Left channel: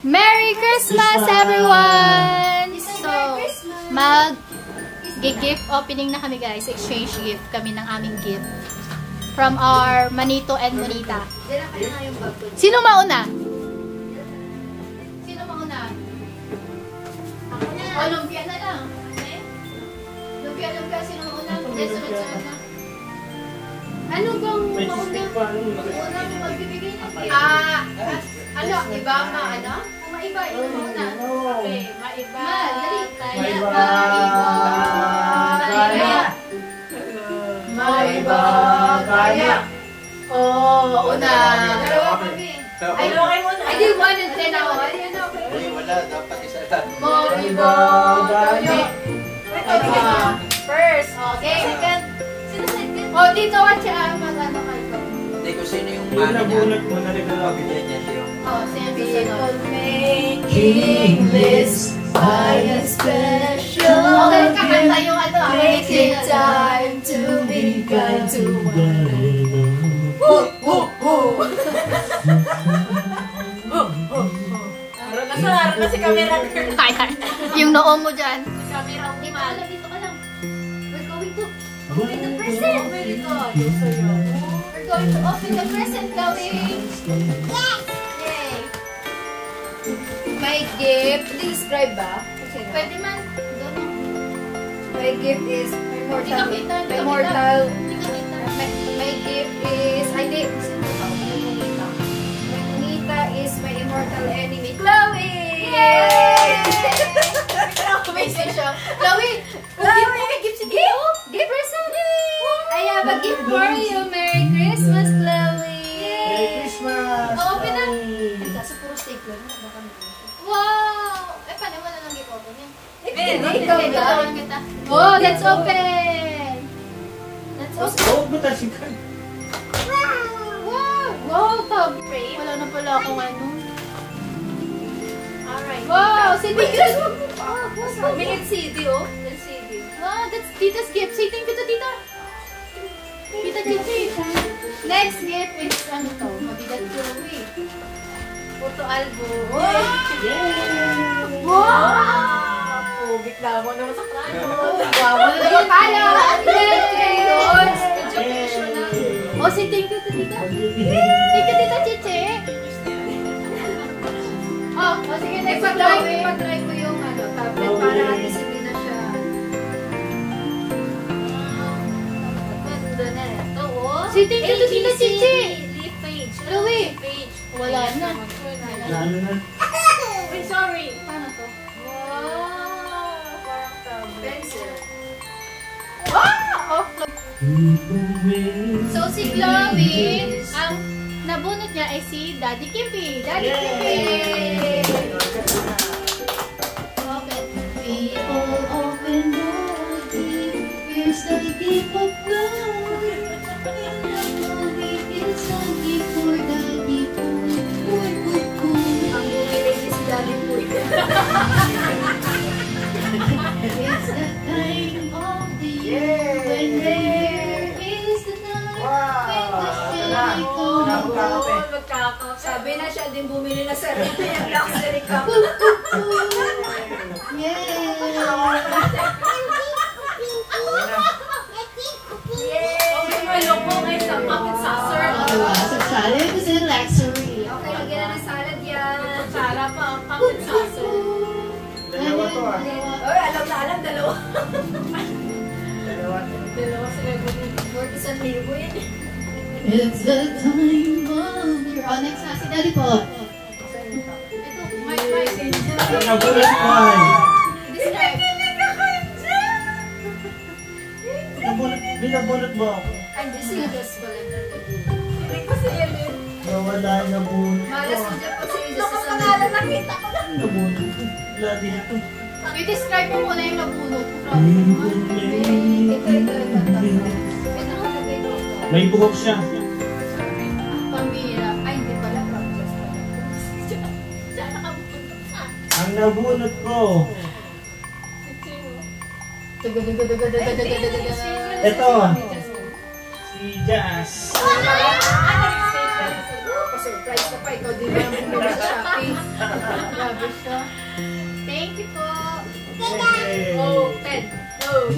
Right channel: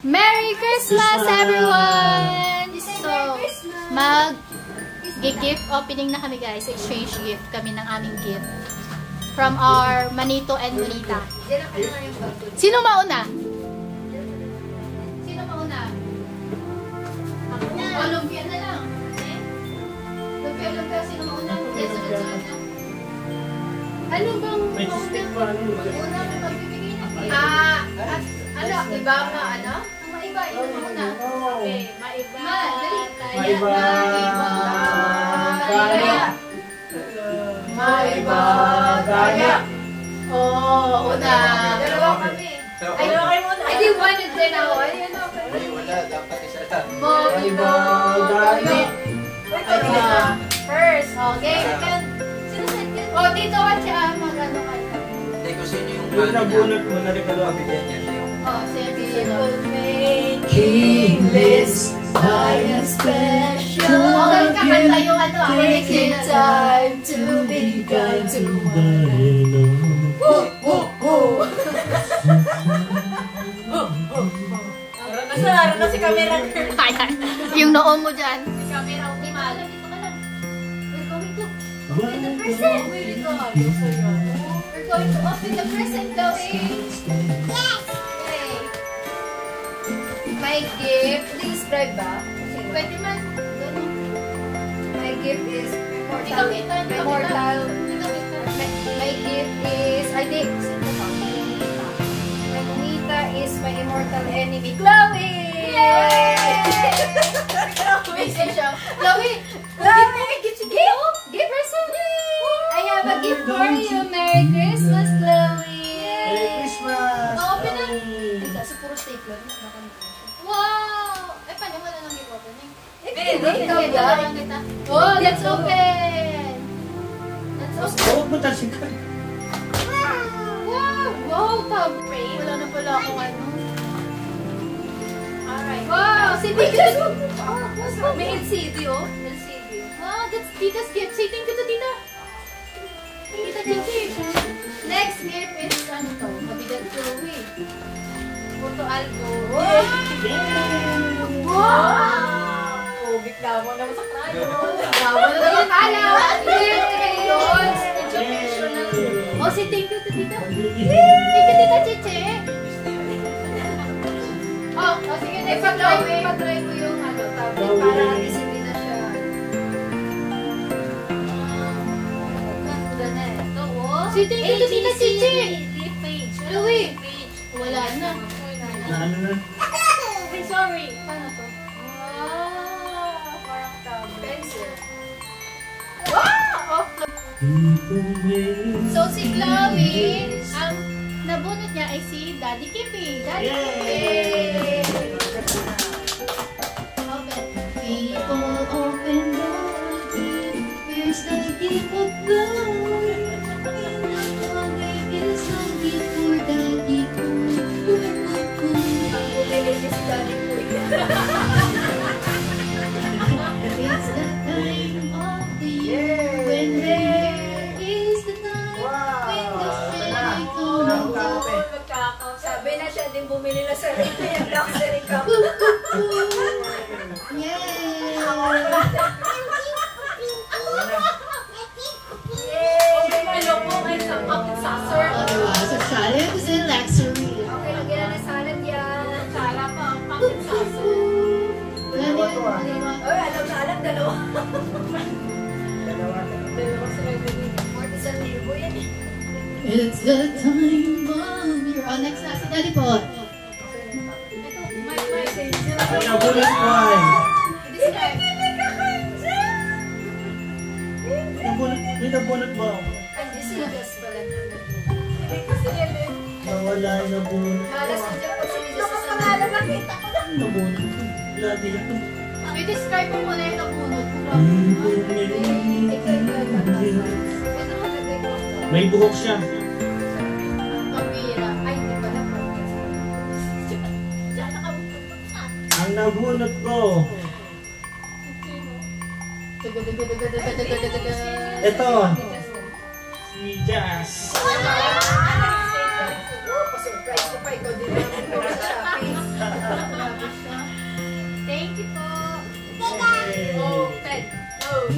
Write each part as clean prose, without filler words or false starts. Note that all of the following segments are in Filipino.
Merry Christmas, everyone! So, mag-gift opening na kami, guys. Exchange gift kami ng aming gift. From our Manito and Monita. Sino mauna? Sino mauna? Lumpia na lang. Lumpia. Sino mauna? Sunod-sunod na. Ano bang mauna? Mauna mo magbibigay? Ano? Iba ka, ano? Maiba, ito muna. Okay, maiba. Maiba. Maiba. Kaya. Oo, una. Dalawa kami. Ay, okay muna. Ay, di 1 and 10 ako. Ay, ano? Ay, wala. Dapat isa lang. Maiba. Kaya. First. Okay. Second. Sino second? O, dito ka siya. Mag-ano kayo. Hindi ko sino yung yung nabunot mo na naglalagay niya siya. Oh, people making lists, buying special gifts, making time to be kind to one. Naroon na si camera girl. Yung noo mo dyan. Si camera mo. Dito ka lang. We're going to open the present. We're going to open the present, Chloe. Yes! My gift, describe ba? Pwede man. My gift is immortal. My gift is, I think, my Monita is my immortal enemy, Chloe! Yay! Chloe! Give her something! I have a gift for you. Merry Christmas, Chloe! Merry Christmas! Open na! Kaso puro stapler na. Wow! Eh, paano mo na lang i-opening? Ikaw lang kita. Oh, let's open! Let's open. Huwag mo tasikan. Wow! Wow! Pag-pray. Wala na pala akong ano. Alright. Wow! Say thank you to... May LCD, oh. LCD. Wow, that's Tita's gift. Say thank you to Tita. Tita Chichi. Next gift is ano to? Mabigat ko eh. Photo album. Wow! Wow! Pugit na mo naman sa krano. Gawa na naman kaya. Oh, si thank you to Tita. Thank you, Tita Chiche. Oh, sige. Next pag-try ko yung tablet para isipin na siya. Si thank you to Tita Chiche. Leaf page. Chloe. Wala na. Wait, sorry. Ano to? Wow! Parang tablet. Wow! So, si Chloe, ang nabunot niya ay si Daddy Kimpy. Daddy Kimpy! Open. People open the here's the gift of love. It's so deep for Daddy It's the time of the year when there is the night when the shade comes. Sabi na siya din bumili na sa luxury cup. Okay, may logo kay sa puppet saucer. So salad is a luxury. Okay, lagyan na may salad yan. Sala pa, puppet saucer. Dalawa to ah. Oy, alam na alam, dalawa. Dalawa sila din. 41,000 yan. It's the time of your Onyx na si Daddy po. Ito, may Nabunot mo ay. Nabunot mo ako. Ay, disguise pala. Hindi ko si Ellen. Nawala yung nabunot. Malas mo dyan po si Jesus. Lokas ka nga lang, nakita ko lang. Nabunot ko. Lagi ito. I-describe mo muna yung nabunot. May buhok siya. Pambira. Ay, hindi pala. Ang nabunot ko. Ito. Si Jazz. Surprise ko pa ito din. Thank you po. Yay! Oh, 10. Oh,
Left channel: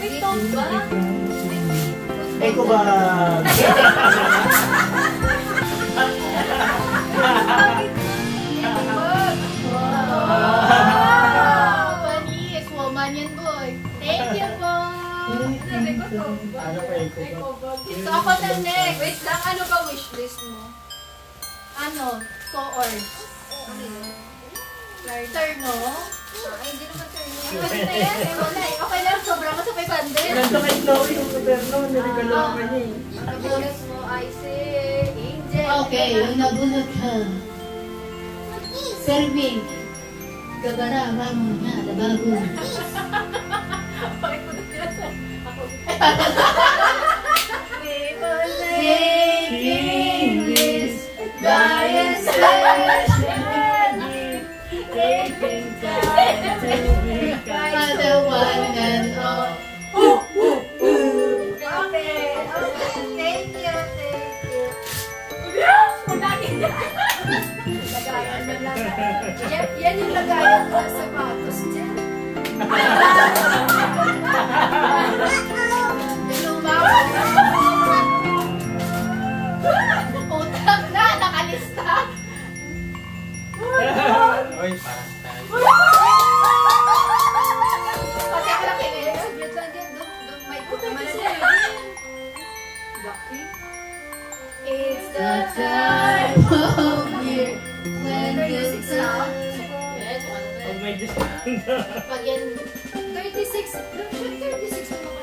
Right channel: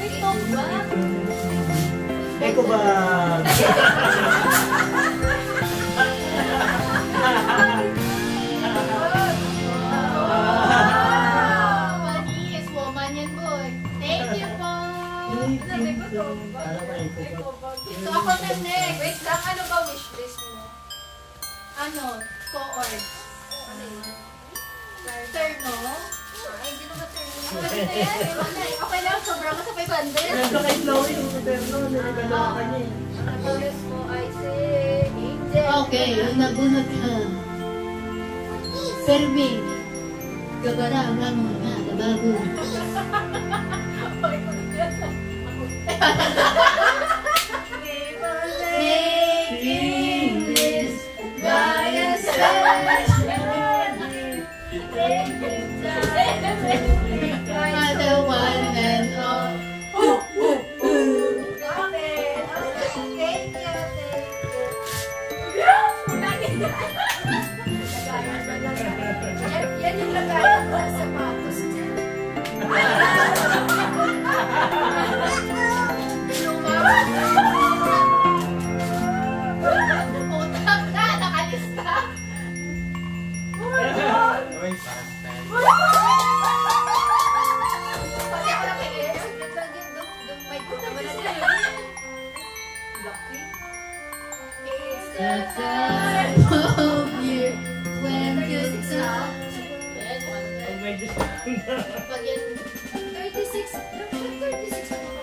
ito ba? Eko ba? Malinis, woman yan, boy. Thank you po. Ano ba eko ba? So, ako na next. Wait lang, ano ba wishlist mo? Ano? Co-ord. Turno? Ay, hindi naman turno. Pwede na yan. Ewan na eh. Okay lang, sobrang ka sa 500. Ganda kay Chloe yung moderno. Nirigalo ka niya eh. Ang oras mo ay si Angel. Okay, yung nabunot mo. Serving. Kabarang ramo na, dabago. Making this by a session. Taking time to be kind. The one and all. Okay, thank you, Yan yung lagayan ko sa sapatos dyan. Utak na, nakalista. Oy, parang tayo. Pati ako lang kayo. May lucky. It's the time. Oh, year. When you now. Pag may discount. Pag yan, 36. 36 na ako.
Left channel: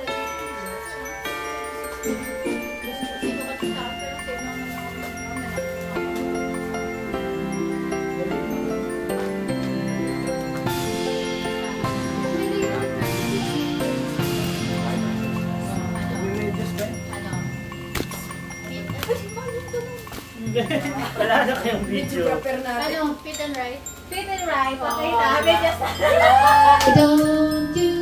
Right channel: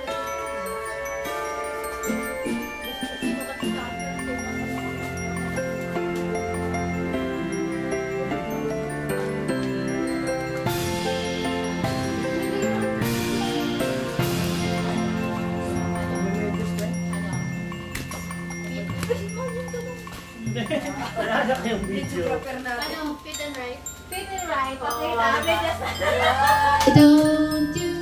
Wala na kayong video. Ano? Fit and right? Fit and right. Okay na. Don't you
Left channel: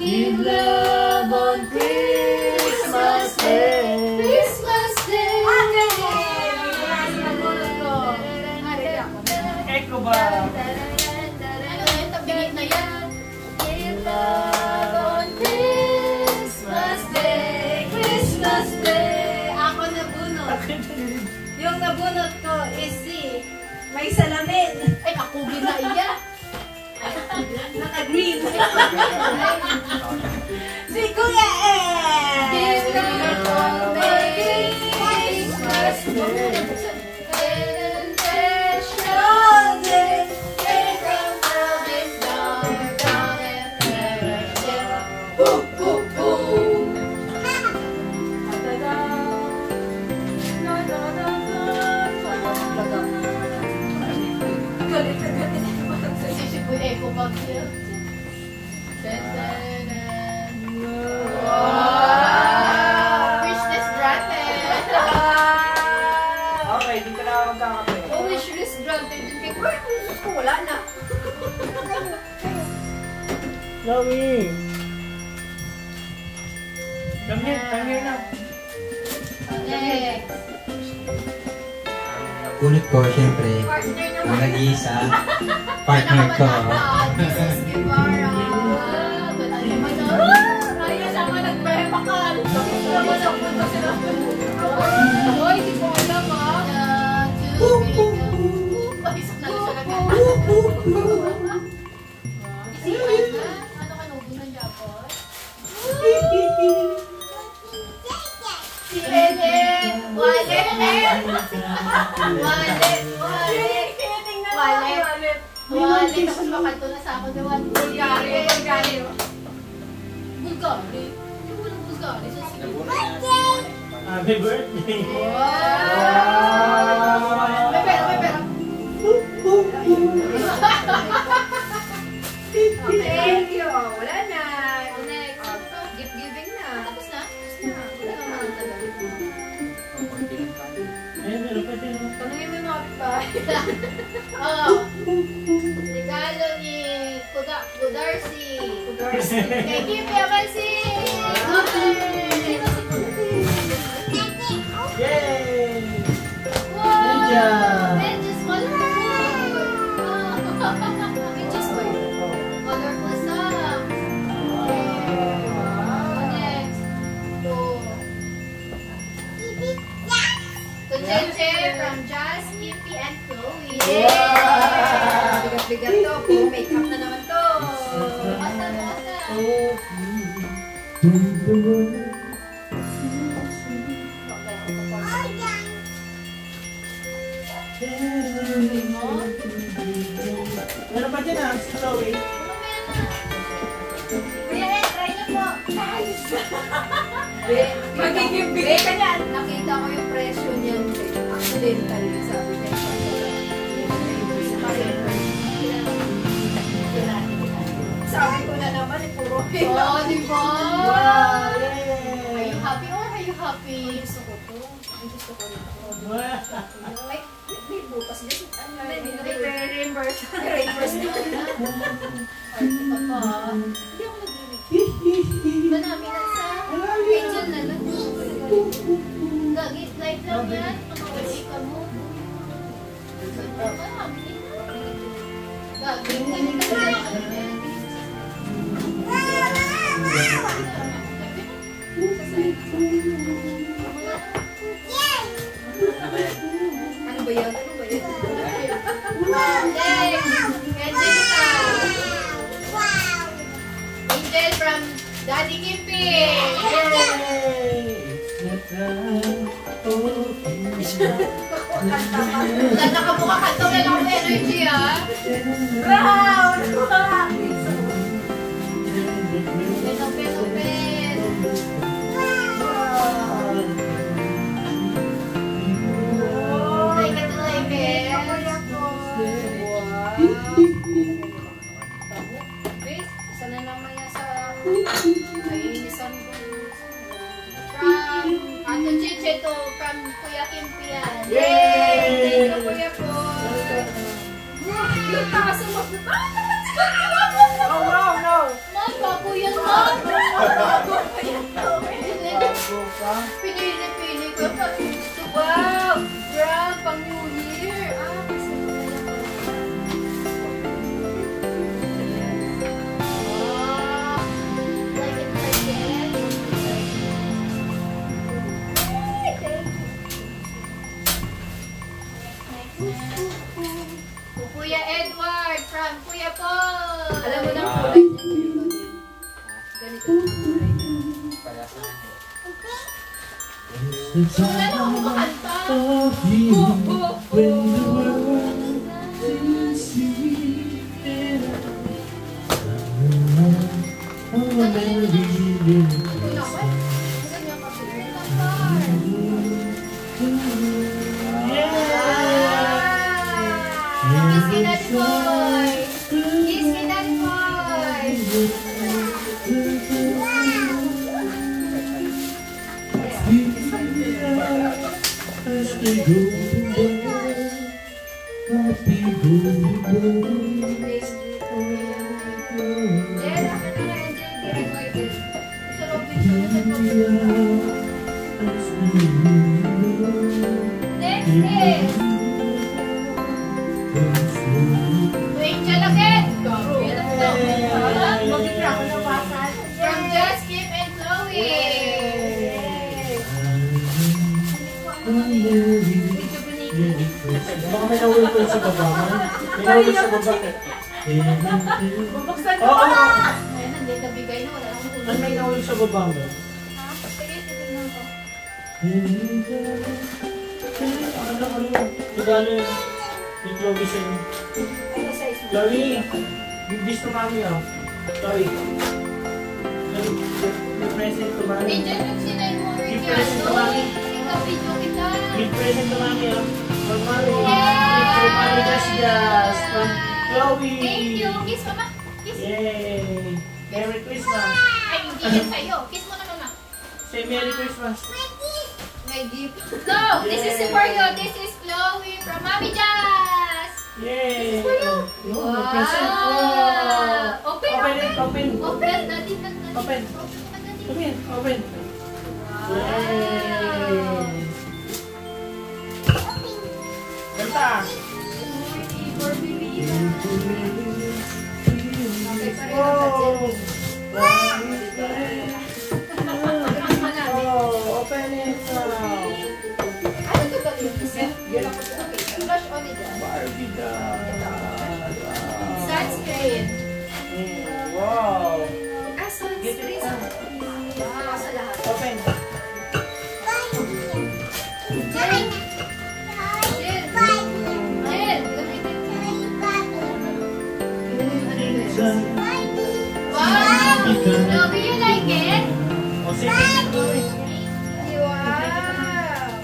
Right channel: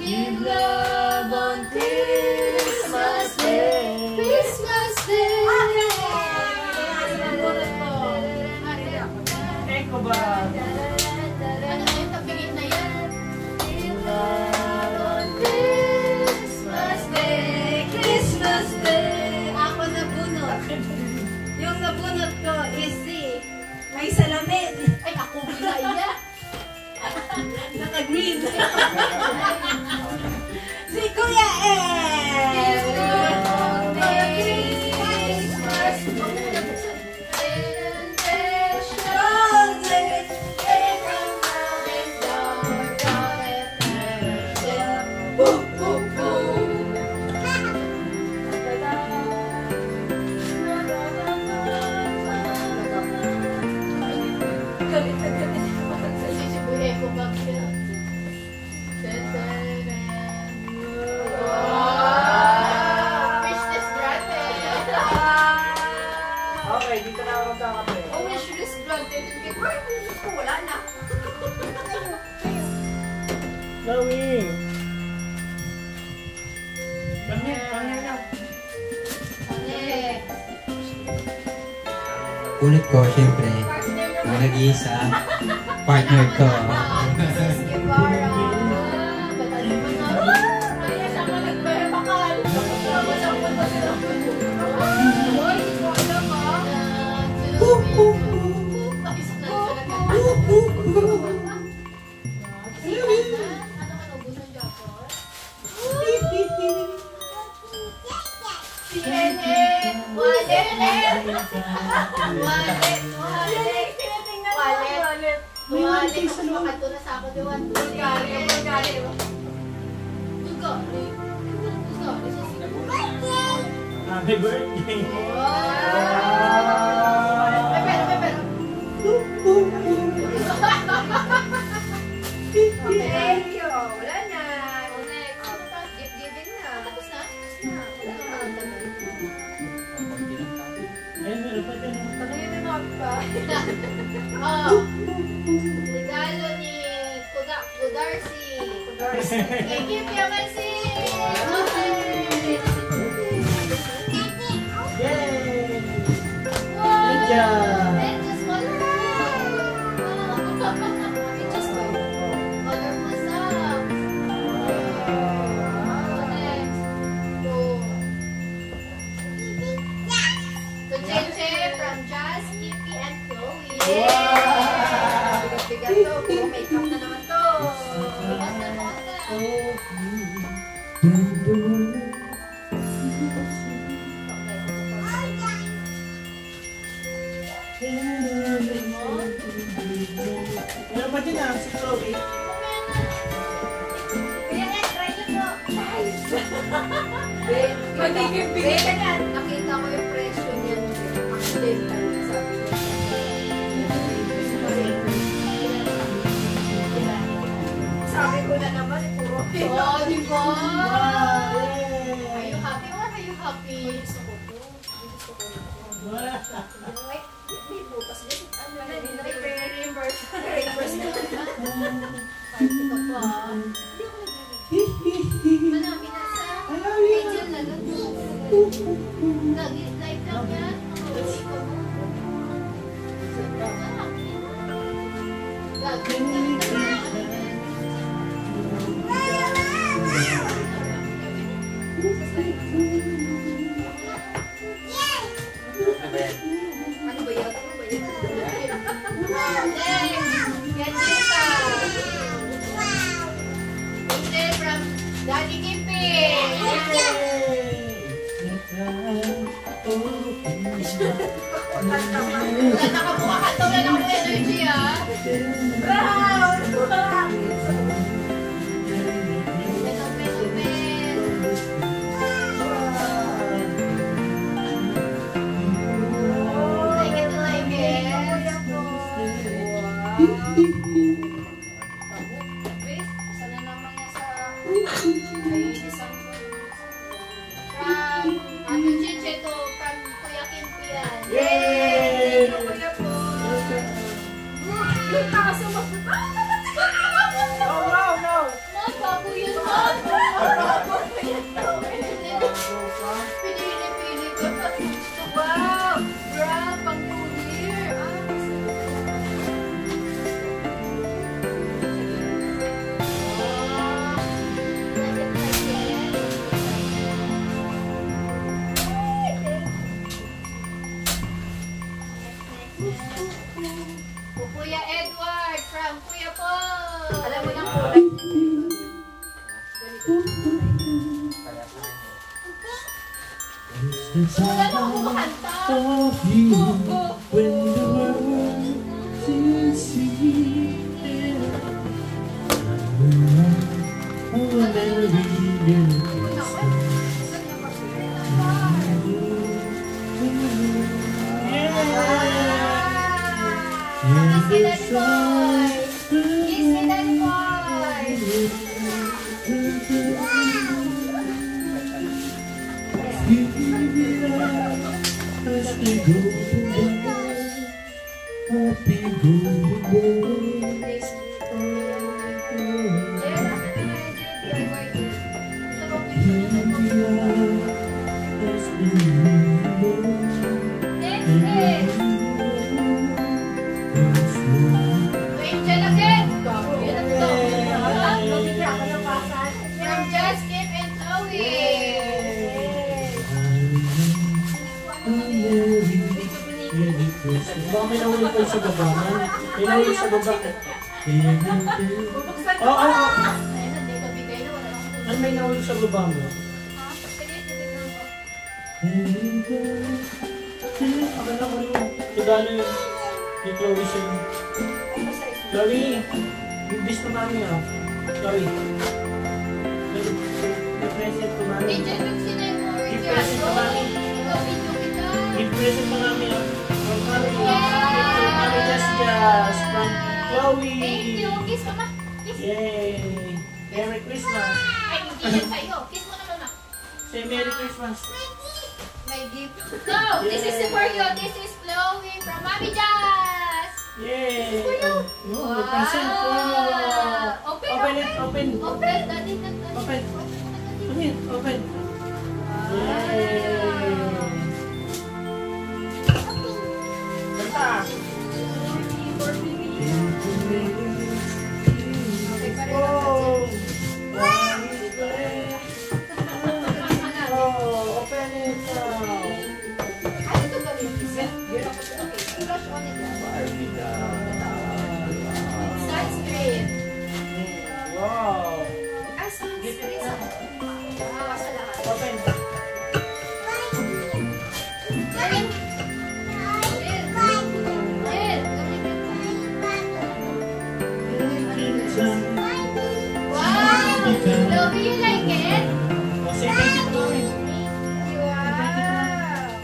give love on Christmas Day? Christmas Day. Eko ba? Ano yun? Tabingin na yan. On Christmas Day, Christmas Day, ako nabunot. Yung nabunot ko is si may salamin. Ay, ako ginaiya. Naka-green. Si Kuya Ed. Wishlist granted. Okay, dito na ako magkakape. Oh, wishlist granted. Wishlist ko, wala na. Chloe! Come here na. Next. Ulit ko, siyempre, Partner ang naman. nag-iisa, partner ko. Wallet. Mas makanto na sa ako. Bulgari. Happy birthday! May pera. Thank you. Wala na. Next. Gift giving na. Tapos na? Wala naman. Ayun, meron pa din. Tanungin mo yung mga Oh. Regalo ni Kudarcy. Thank you, Kuya Mansi. Yeah! Bigat-bigat to. Puro makeup na naman to. Meron pa dyan si Chloe. Kuya Ed, try na po. Magiging bigay ka niyan. Nakita ko yung presyo niyan. Accidental. Sabi ko. Sabi ko na naman, puro. Oh, di ba? Wow! Are you happy or are you happy? Gusto ko to. Gusto ko rin to. Wow! May butas din. Reimburse. Reimburse na. Party ka pa. Hindi ako nag-reimburse. Manami na sa angel na lang. Lagi, light lang yan. Makawali ka mo. Gagawin kami talaga. Ano ba yan? Ano ba yan? Angelica. Angel from Daddy Kimpi. Wala nakabuka ka ito. May lang energy ah. Brown! Open, open. Like it, like it. Wait, sana naman niya sa isang From Ate Chiche to from Kuya Kimpi yan. Yay! Thank you, Kuya po. Yung takas mo. Oh, wow, no! Mas bago yan man. Pinili na pinili ko. Wow! Brown, pang New Year. Kuya Edward from Kuya Paul. Alam mo na kulay. Ganito. Wala na ako makanta. Kiss me, Daddy Boy! Kiss me, Daddy Boy! From Just Kip and Chloe. Baka may nawin ko sa baba. May nawin sa baba. Oo, Ayun, hindi nabigay na. Wala akong tulog. may nawin sa baba mo. Pagano yun? Yung Chloe siya. Chloe, yung bis na kami ah. Chloe. May present ko mami. Angel, yung sinay mo, Richard. Oy, ikaw video kita. May present na kami ah. Chloe. Thank you. Kiss mama. Kiss. Yay! Merry Christmas! Ay, hindi yan sa'yo. Kiss mo naman na. Say Merry Christmas! My gift. So, this is for you. This is Chloe from Mami Jazz. Yay! For you. Wow! May present! Wow! Open, Open open. it! Open! Open. Daddy, daddy. Open. Daddy. Come here! Open! Yay! Kanta! Oh! Oh! Open it now! Barbie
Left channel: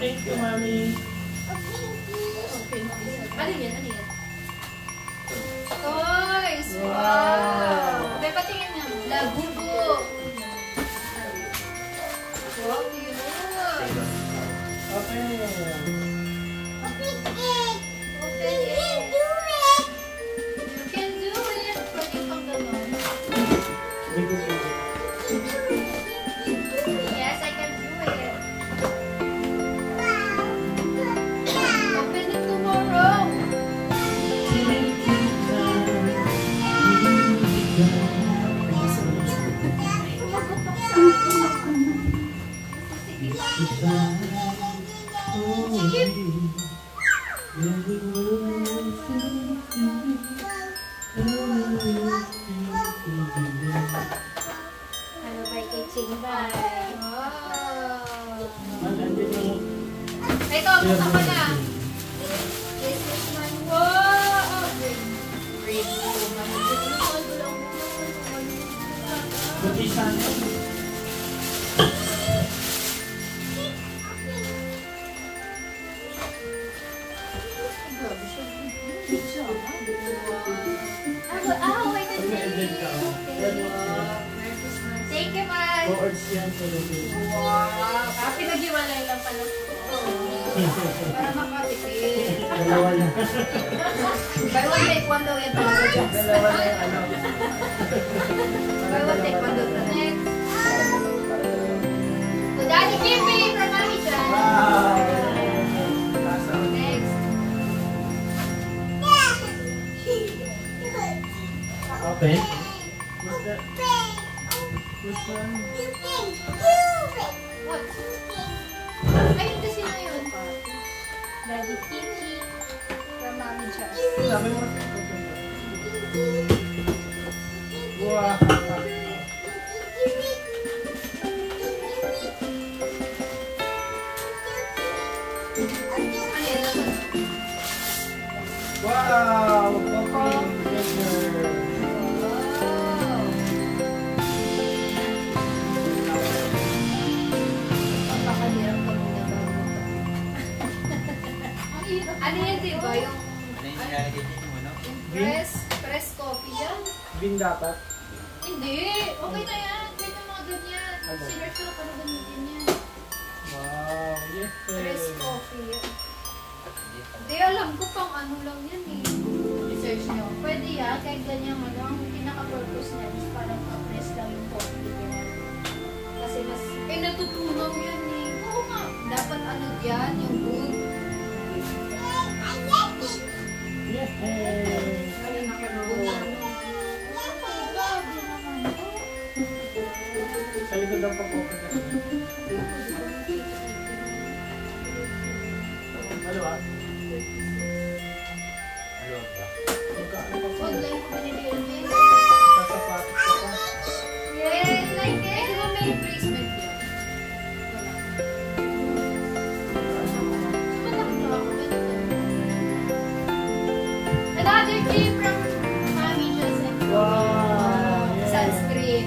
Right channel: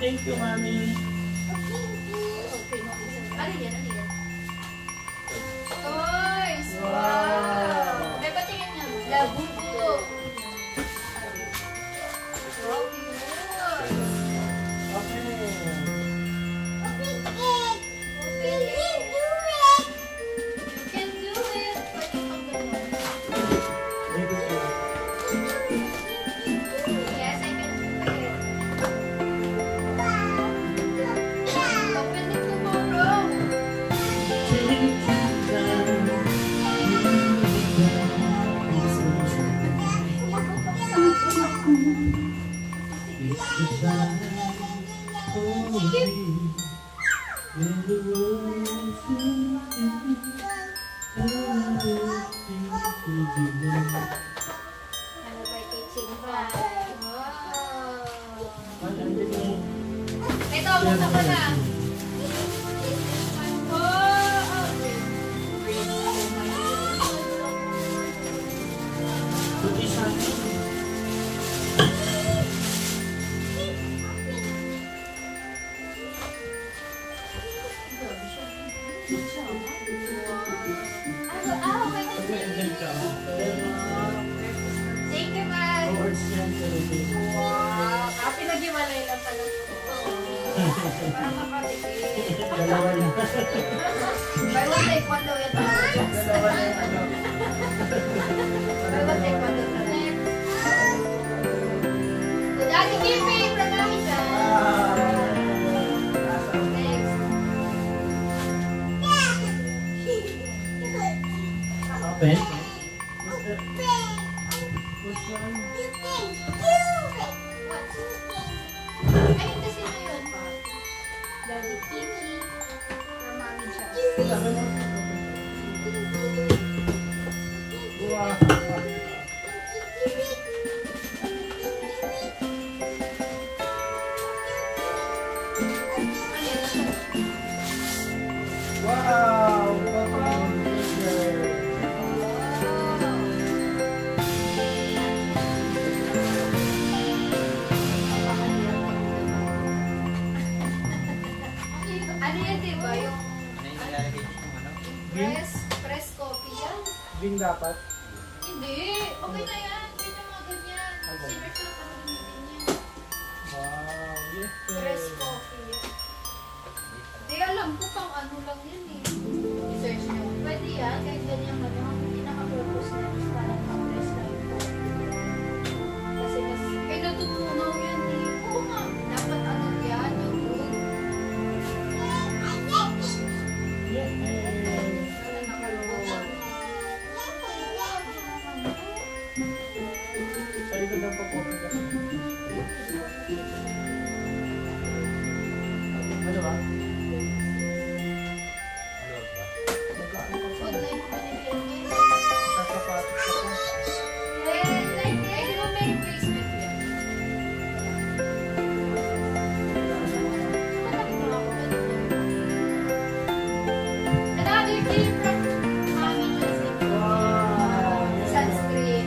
thank you, Mami. Ano yan? Ano yan? Toys! Wow. Wow! Okay, patingin niya. Labubo. Wow, cute! Okay. You can do it! Pwede kang gano'n. Very good. Yes, I can do it. Open it tomorrow. Ano ba teaching ba? Wow! Andyan yung... Ito, buksan ko na. Wow! Buti sana. Pag na-ended ka, Thank you, man. Lords yan talaga. Wow! Pinag-iwalay lang pala. Para makatipid. Dalawa na. Buy one take one daw yan talaga. Dalawa na yung ano. Buy one take one daw talaga. Next. To Daddy Kippy from Marisha. Wow! Next. Open. This one. What? Ay, hindi sino yun. Daddy Kiki from Mami Jazz. Sabi mo. Wow! Wow! Open. Treasure. Ano yan, diba? Yung Green? press coffee yan? Green dapat. Hindi. Okay na yan. Pwede yung mga ganyan. Ano? Sinerge ko paano gamitin yan. Wow! Yes! Press coffee. Hindi, alam ko pang ano lang yan eh. Research nyo. Pwede yan, kahit ganyan ano, ang pinaka-purpose na is parang ma-press lang yung coffee yun. Kasi natutunaw yan eh. Oo nga. Dapat ano yan, yung wood. Yes! Wala nakalagod. Sa likod lang pag-open ka. Ano ba? Magkano pa pa? Wood like manilin. Sasapatos ka pa. Yes, like this. Di ba may bracelet yan? Another key from Mami Jazz. Wow! Yes. Sunscreen.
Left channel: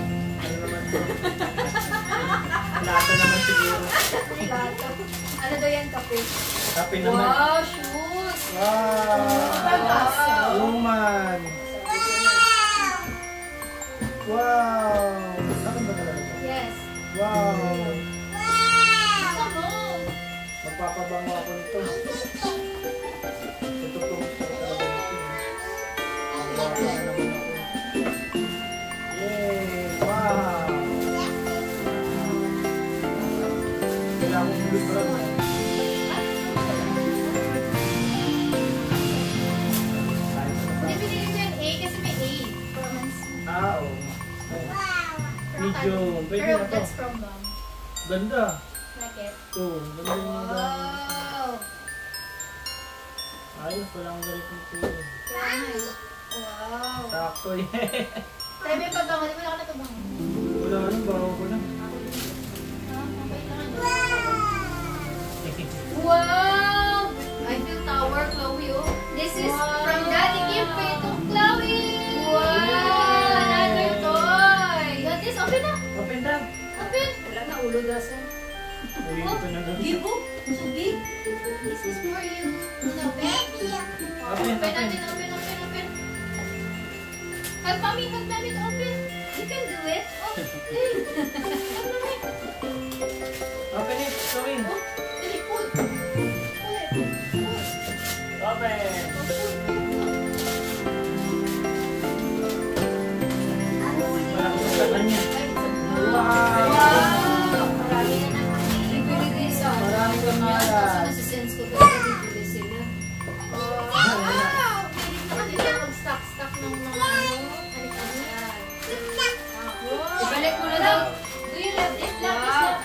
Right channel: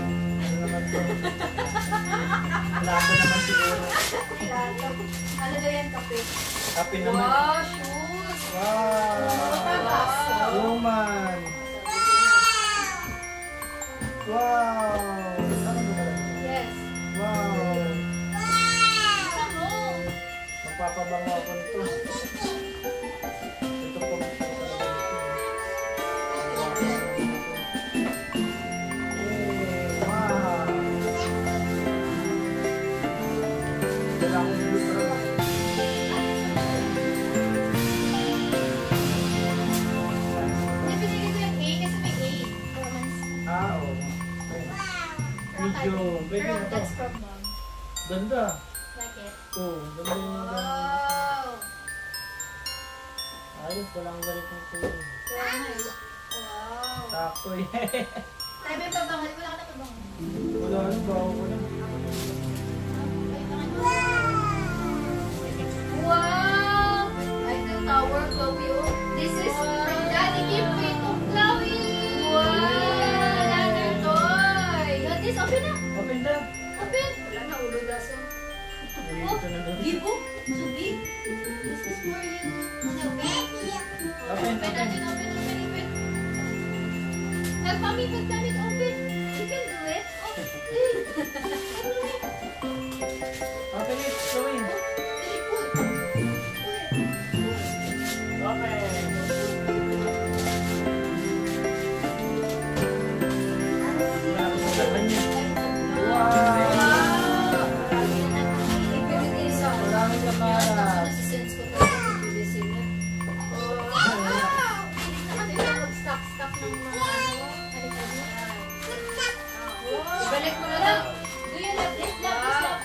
Lato naman siguro. Ano daw yan, kape? Kape naman. Wow, shoes! Wow! Woman! Wow! Saan ba talaga? Yes. Wow! Ano? Magpapabango ako nito. Ito po. Yay! Wow! Kailangan yung different. Hindi binigay ko yung A kasi may A. Romance. Oo. Medyo, pwede Pero na to. that's from mom. Ganda. Like it. Oo, ganda yung Wow! ayos, walang galit ng tuloy. Wow! Sakto yan. Tayo may pabangan. Wala ka na pabangan. Wala nang bago ko lang. Wow! Eiffel Tower, Chloe, oh. This is from Daddy Kippy to Chloe. Wow! Another toy. Got this, open na! Open na. Open. Wala na, ulo daso. Gibo? So big? This is for you. No, baby. Open, Open open. natin, open. Hug mommy, open. You can do it. Open it, Chloe. Dali, pull. Open. Malaki niya. Wow! Marami na ibigay sa Marami kang malas. sense ko kasi ibigay sila. Hindi na mag-stock ng mga ibalik mo na daw. Do you love this? Love this? Love?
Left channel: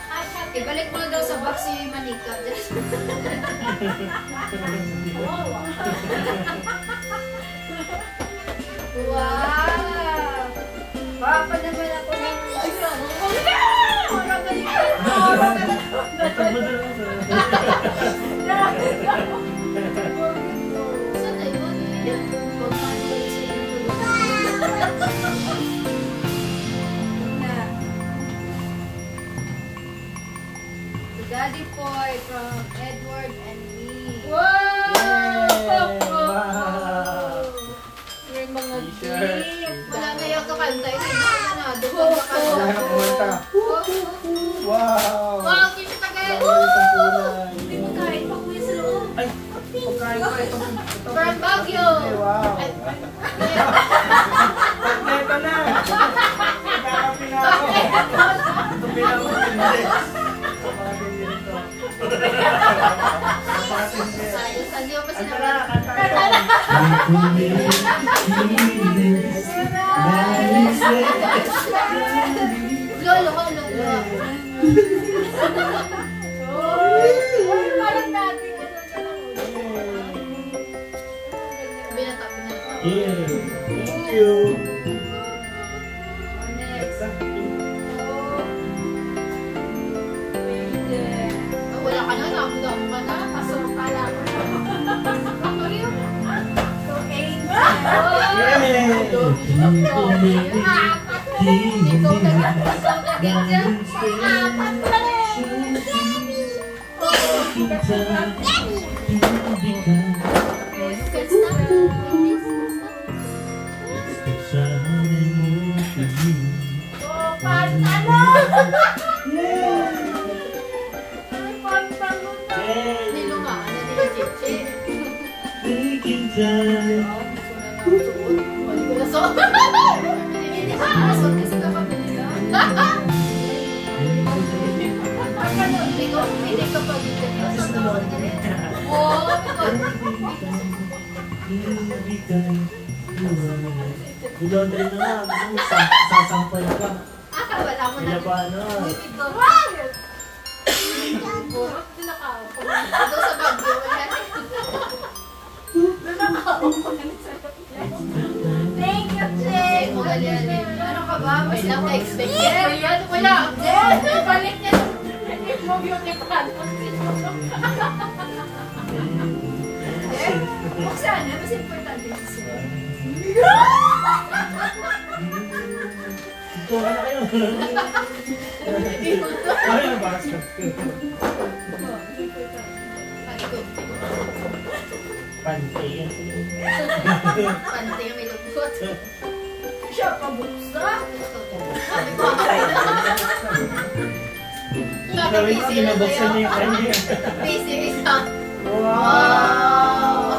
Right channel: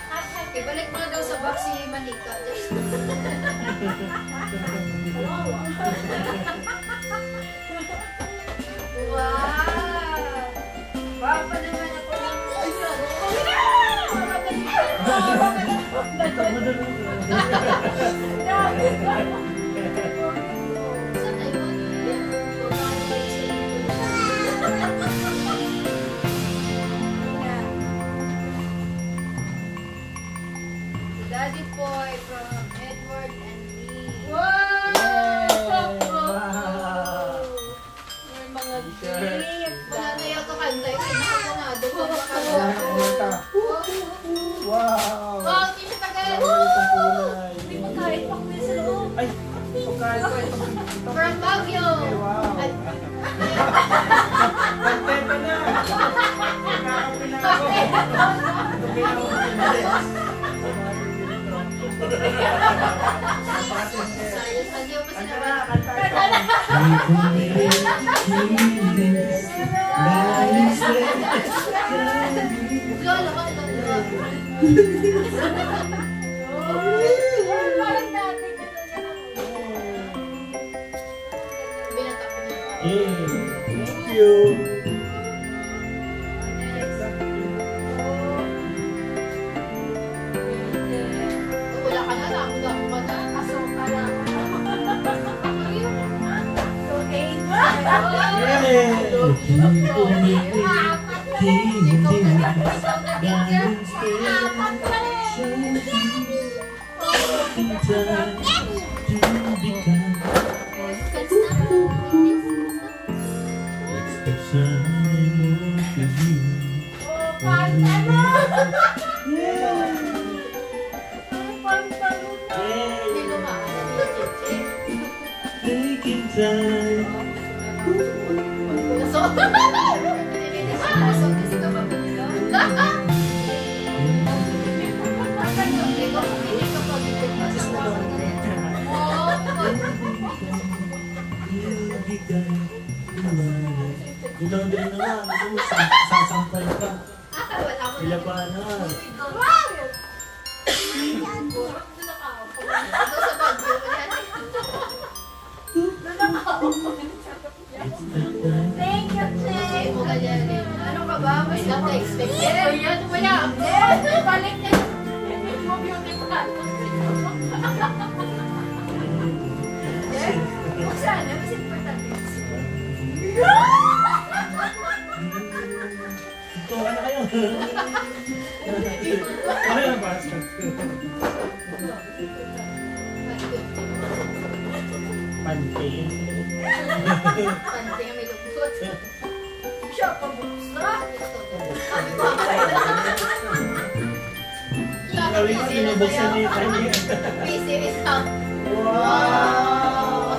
Ibalik mo na daw sa box si Manika. Wow! Papa naman ako ng... Saan na yun? Daddy Boy from Edward and me. Wow! Yung mga T-shirt. gift. Wala na yung kakanta. Ito na. Wow! Wow, hindi tagal. Itong kulay. Hindi mo kahit pa kuya sa loob. Ay, pagkain pa ito. From Baguio. Wow! Ay, Kompleto na! Nakakapi na ako. Tupi na ako. Sayo pa sila. Lolo ko, lolo. Parang dati ka Binata. Thank you. Wala ka na, damo ka na. Pasok ka na. Ayun. Nilo nga, nagigit. Dudondre na nga. Gusto mo, sasampay ka. Kaya ba ano? Thank you, Jen. Ano ka ba? Mas Wala na expect yan. Wala. Balik niya. Hindi mo beauty plan. Buksan na. Mas importante yung sila. Ito ka na kayo. Ano ba? Pante. Pante nga may lukot. Siya pa buksan. Gawin ko, binabuksan niya yung kanya. Busy isa. Wow!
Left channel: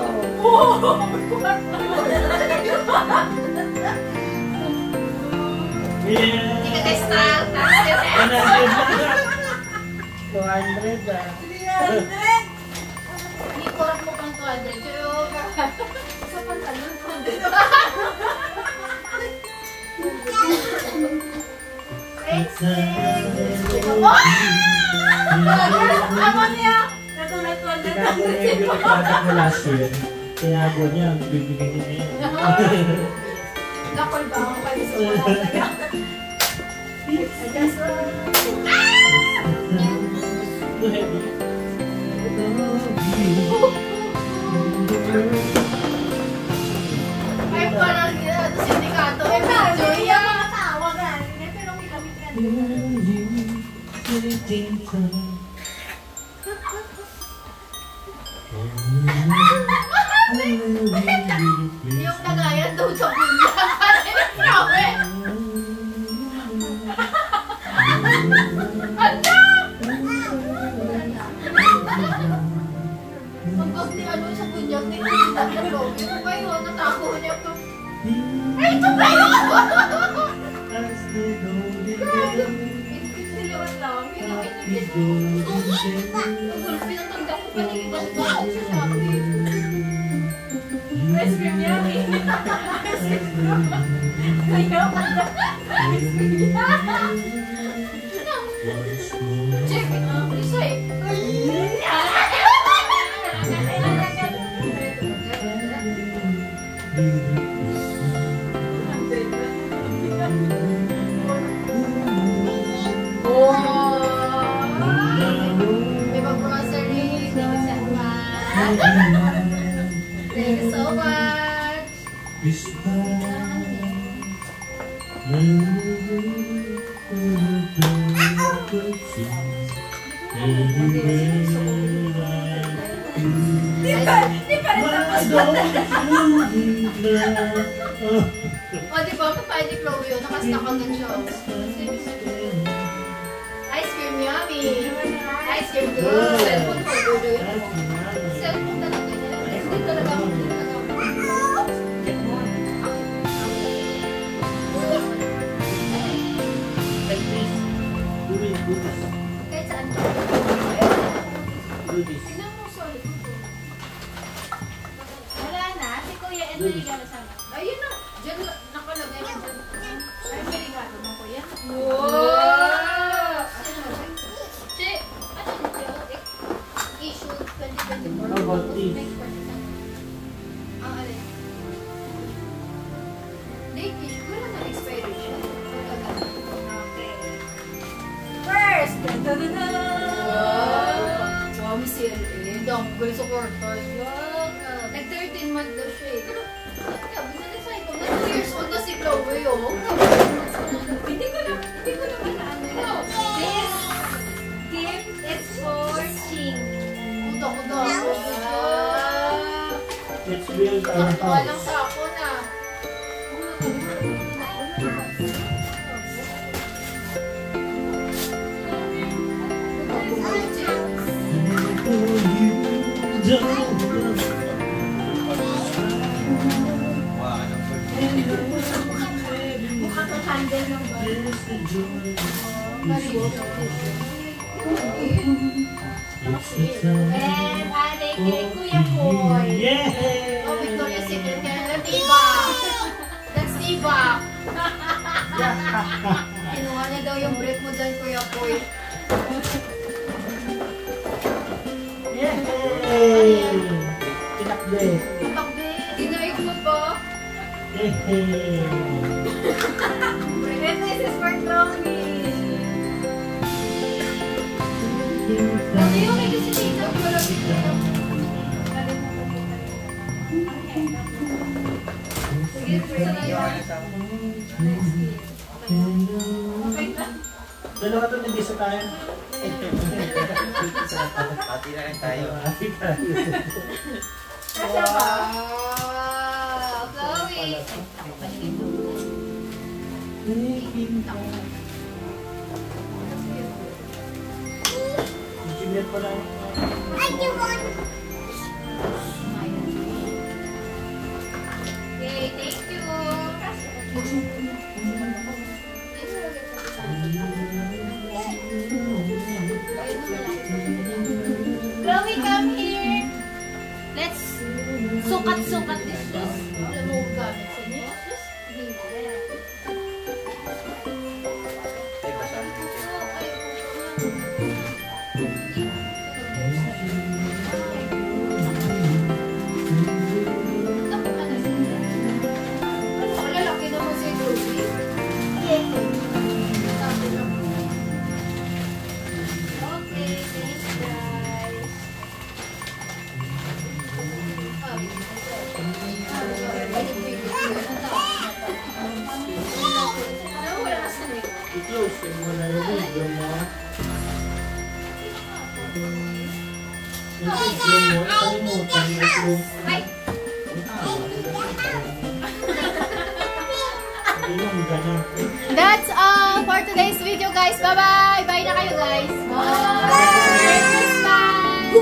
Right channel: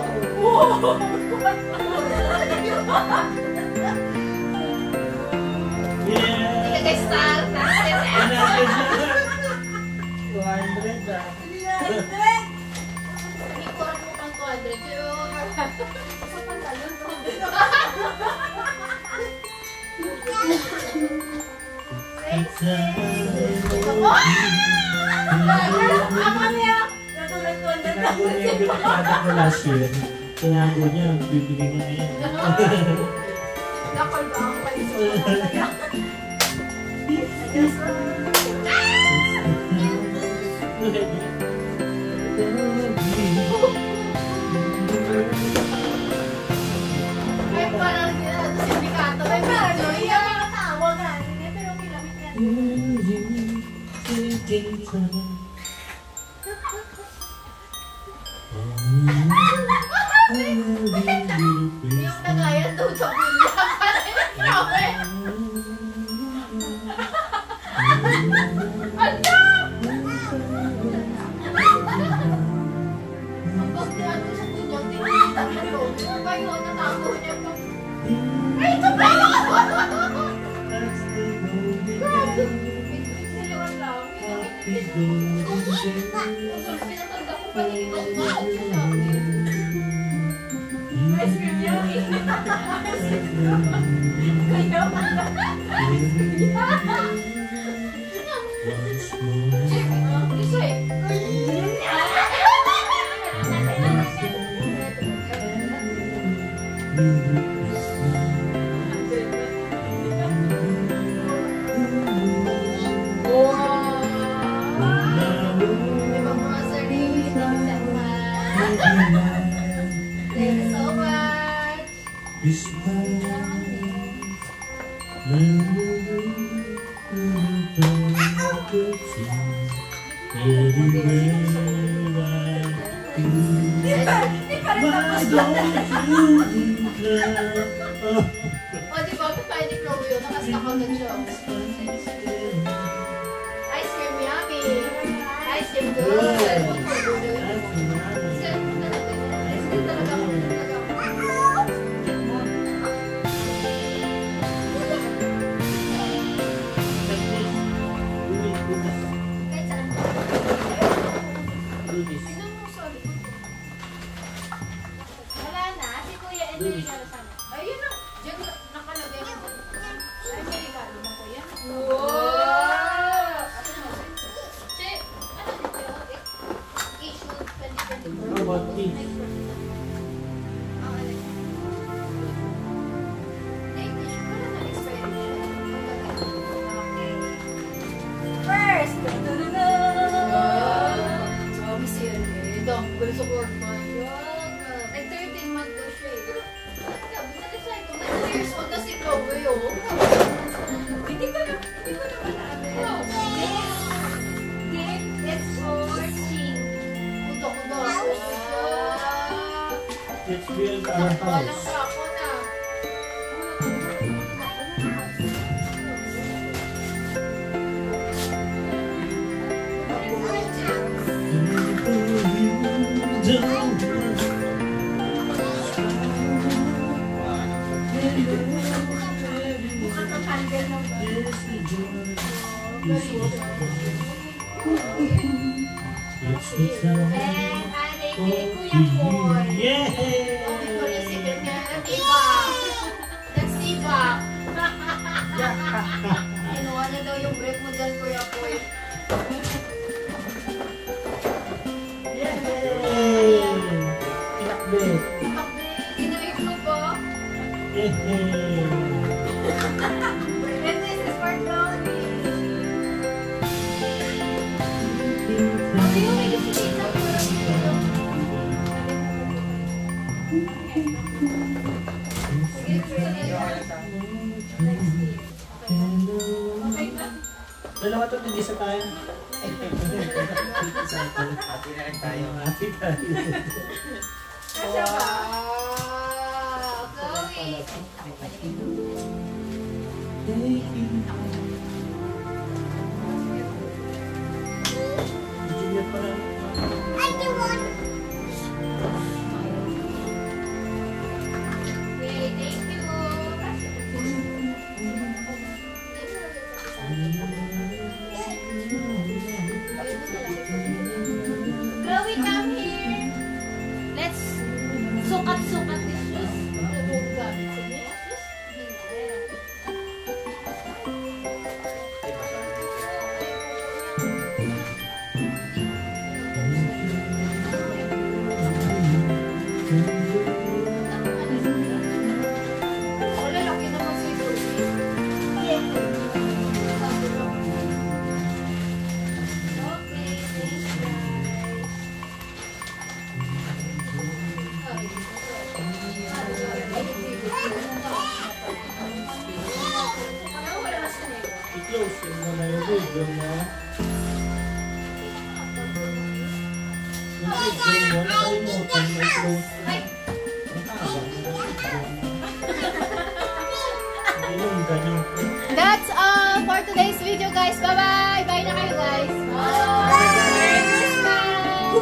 Hindi ka Yeah! guys style. 200 ah. Ikot mo kang 200. Sa pantalon. Ama niya. Natulad ko na. Tinago niya yung binakada ko last year. Tinago niya, bibigyan niya niya. Nakol ba ako kayo sa mga Ay, parang sindikato. Ay, Ano? Yung mga tao nga. Pero kilamit ka. Pinatanda ko pa ng ibang bakit sa Shopee. Ice cream yummy. Kayo? Check. Isa eh. Diba grocery? Thank you so much. Thank you so much. O, di ba? Pwede flow yun. Nakastack agad siya. Ice cream yummy. Ice cream good. Cellphone ko good. Cellphone talaga yan. Hindi talaga ako. Kahit saan ka. Tignan mo, sorry. Wala na. Si Kuya, ito yung regalo sana. Ayun na. Diyan nakalagay na dyan. Ay, si regalo mo, Kuya. Wow! Si, ano dito? Issue 2024. How about this? Ang alin? Date issue. Wala na expiration. First! Wow, CLA. Dong, gulo sa corporate. Like 13 months daw siya eh. Pero, binalisan ko. 2 years old na si Chloe, oh. Hindi ko naman alam. This gift is for Ching. Kuda. Let's build our Walang house. sako na. Mukha to handle ng And ate kay Kuya Koy. Yeah! Oh, Victoria's Secret hair. That's Eva. That's Eva. Kinuha na daw yung break mo dyan, Kuya Koy. Yay! Tinakbit. Takbi. Ginayos mo ba? Yay! And this is for Chloe. Ayun, may gusto dito. Walang dito. Sige, gusto na yun. Dalawa to, nag-isa tayo. Pati na rin tayo. Happy tayo. Wow! Chloe! Junior pa lang. Okay, thank you. Chloe, come here. Let's sukat-sukat this shoes. Remove gamit sa niya. Wala, laki naman si Chloe. Okay, thanks guys. I-close yung muna yung video mo. Yung video mo, kalimutan mo i-close. Ganun, ganun. That's all for today's video, guys. Bye-bye! Bye na kayo, guys. Merry Christmas!